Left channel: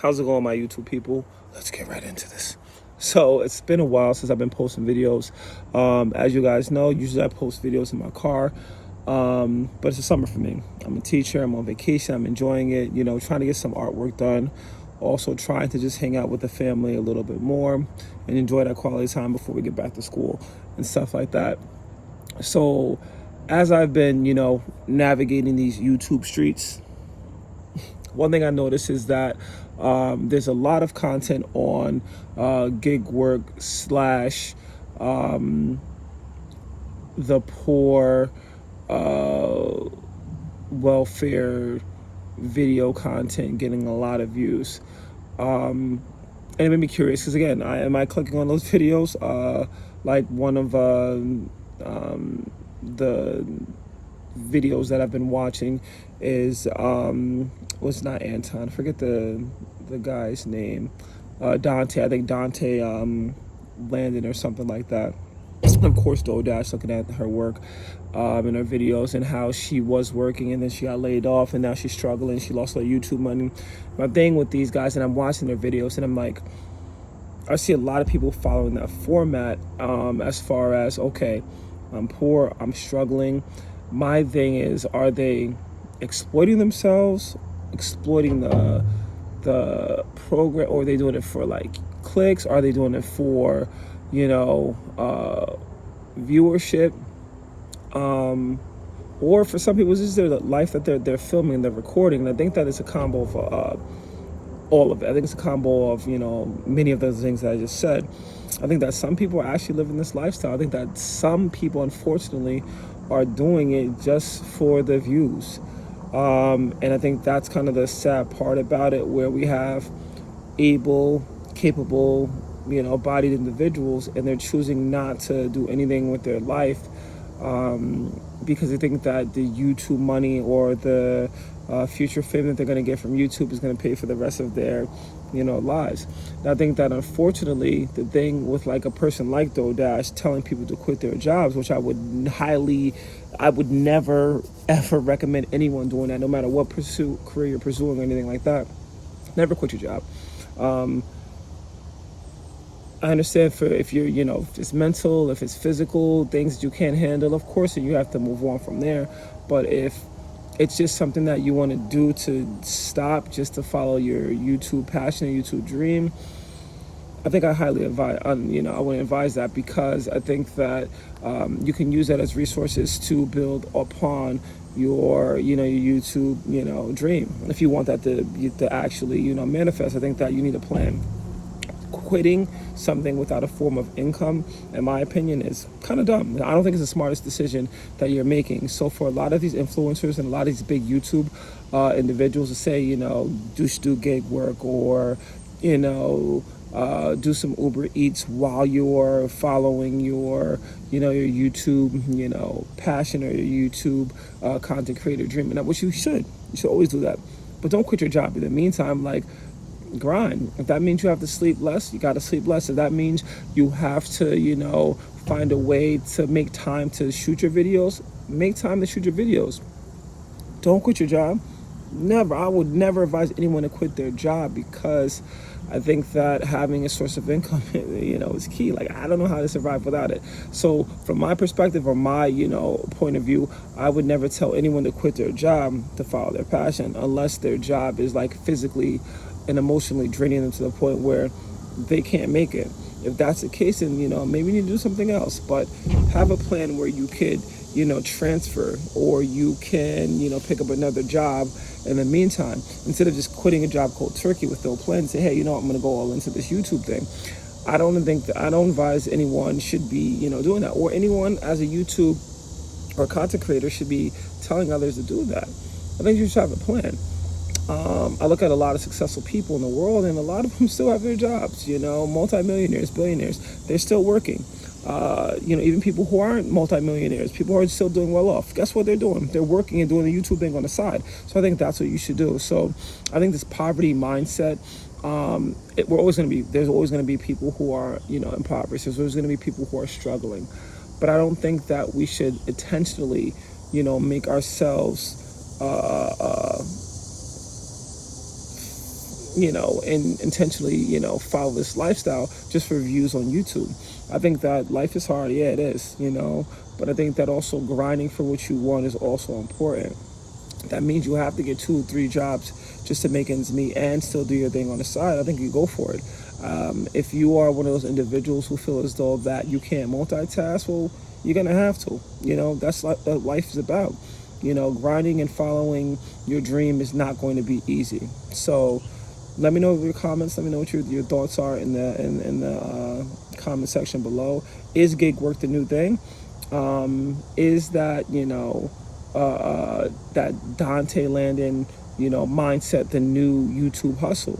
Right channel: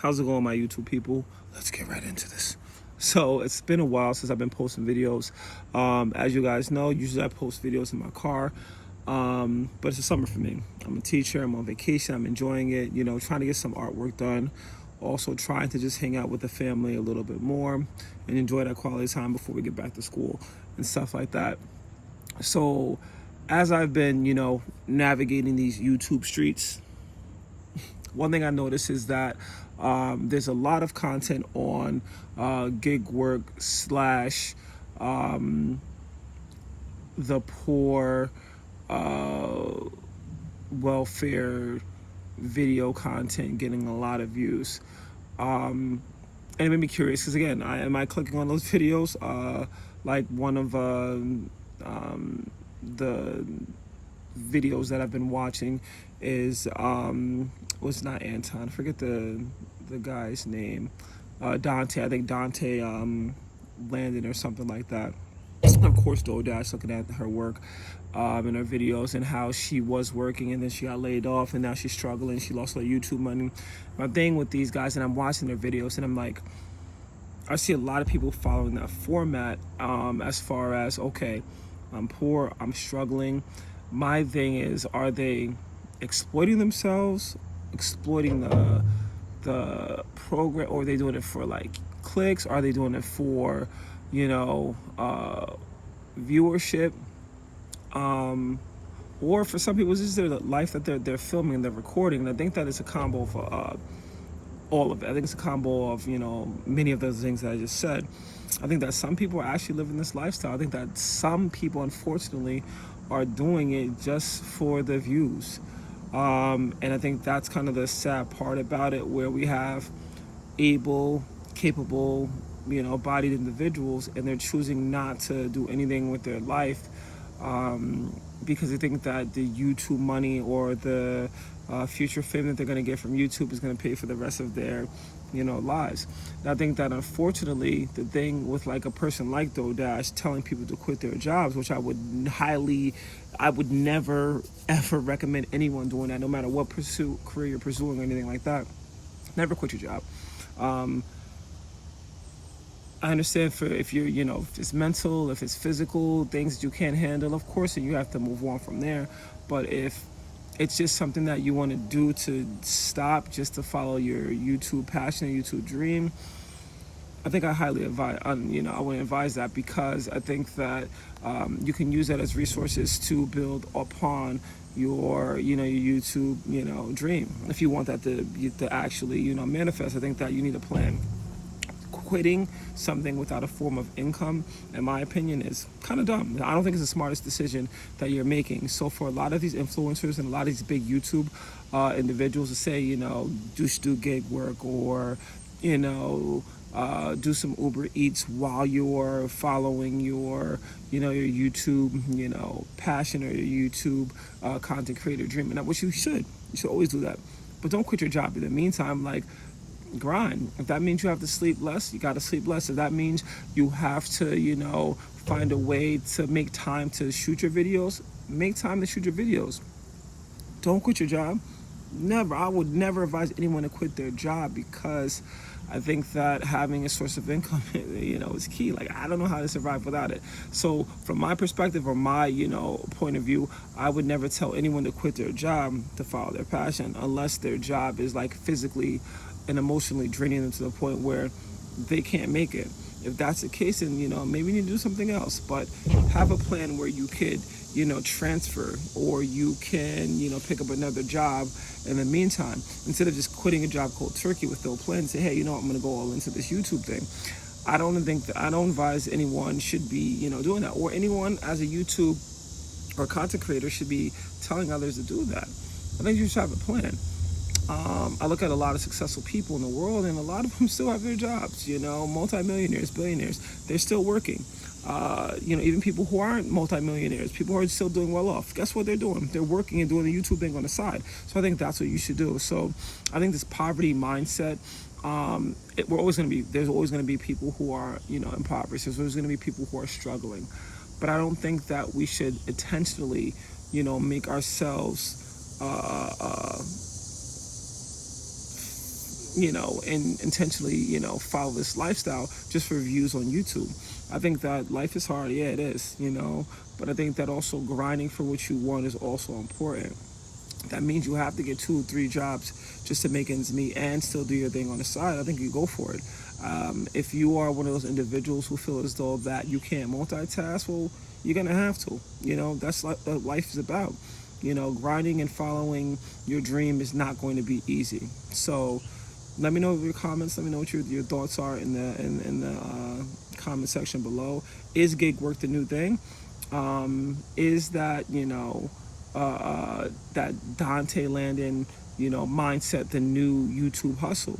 How's it going, my YouTube people? Let's get right into this. So it's been a while since I've been posting videos. As you guys know, usually I post videos in my car, but it's a summer for me. I'm a teacher, I'm on vacation, I'm enjoying it, you know, trying to get some artwork done. Also trying to just hang out with the family a little bit more and enjoy that quality time before we get back to school and stuff like that. So as I've been, you know, navigating these YouTube streets, one thing I noticed is that there's a lot of content on gig work slash the poor welfare video content getting a lot of views. And it made me curious because, again, am I clicking on those videos? Like one of the videos that I've been watching is was not Anton, I forget the guy's name, Dante. I think Dante Landon or something like that. Of course, DoorDash, looking at her work in her videos and how she was working and then she got laid off and now she's struggling. She lost her YouTube money. My thing with these guys, and I'm watching their videos and I'm like, I see a lot of people following that format as far as, okay, I'm poor, I'm struggling. My thing is, are they exploiting themselves, exploiting the program, or are they doing it for like clicks? Are they doing it for, you know, viewership? Or for some people, this is their life that they're filming and they're recording. I think that it's a combo of all of it. I think it's a combo of, you know, many of those things that I just said. I think that some people are actually living this lifestyle. I think that some people, unfortunately, are doing it just for the views. And I think that's kind of the sad part about it, where we have able, capable, you know, bodied individuals, and they're choosing not to do anything with their life because they think that the YouTube money or the future fame that they're going to get from YouTube is going to pay for the rest of their, you know, lives. And I think that, unfortunately, the thing with like a person like DoorDash telling people to quit their jobs, which I would never ever recommend anyone doing that, no matter what career you're pursuing or anything like that. Never quit your job. I understand if you, you know, if it's mental, if it's physical, things you can't handle, of course you have to move on from there. But if it's just something that you want to do to stop, just to follow your YouTube passion, your YouTube dream, I think I highly advise, you know, I would advise that, because I think that you can use that as resources to build upon your, you know, your YouTube, you know, dream. If you want that to actually, you know, manifest, I think that you need a plan. Quitting something without a form of income, in my opinion, is kind of dumb. I don't think it's the smartest decision that you're making. So for a lot of these influencers and a lot of these big YouTube individuals to say, you know, just do gig work, or, you know, do some Uber Eats while you're following your, you know, your YouTube, you know, passion, or your YouTube content creator dream, and which you should always do that. But don't quit your job. In the meantime, like, grind. If that means you have to sleep less, you got to sleep less. If that means you have to, you know, find a way to make time to shoot your videos, make time to shoot your videos. Don't quit your job. Never. I would never advise anyone to quit their job, because I think that having a source of income, you know, is key. Like, I don't know how to survive without it. So from my perspective, or my, you know, point of view, I would never tell anyone to quit their job to follow their passion, unless their job is like physically and emotionally draining them to the point where they can't make it. If that's the case, then, you know, maybe you need to do something else. But have a plan where you could, you know, transfer, or you can, you know, pick up another job in the meantime, instead of just quitting a job cold turkey with no plan and say, hey, you know what, I'm going to go all into this YouTube thing. I don't advise anyone should be, you know, doing that, or anyone as a YouTube or content creator should be telling others to do that. I think you should have a plan. I look at a lot of successful people in the world, and a lot of them still have their jobs, you know, multimillionaires, billionaires, they're still working. You know, even people who aren't multimillionaires, people who are still doing well off, that's what they're doing. They're working and doing a YouTube thing on the side. So I think that's what you should do. So I think this poverty mindset, there's always going to be people who are, you know, impoverished. There's going to be people who are struggling. But I don't think that we should intentionally, you know, make ourselves and intentionally, follow this lifestyle just for views on YouTube. I think that life is hard. Yeah, it is, but I think that also grinding for what you want is also important. That means you have to get 2 or 3 jobs just to make ends meet and still do your thing on the side. I think you go for it. If you are one of those individuals who feel as though that you can't multitask, well, you're gonna have to. That's like what life is about. Grinding and following your dream is not going to be easy. So, let me know your comments. Let me know what your thoughts are in the comment section below. Is gig work the new thing? Is that that Dante Landon mindset the new YouTube hustle?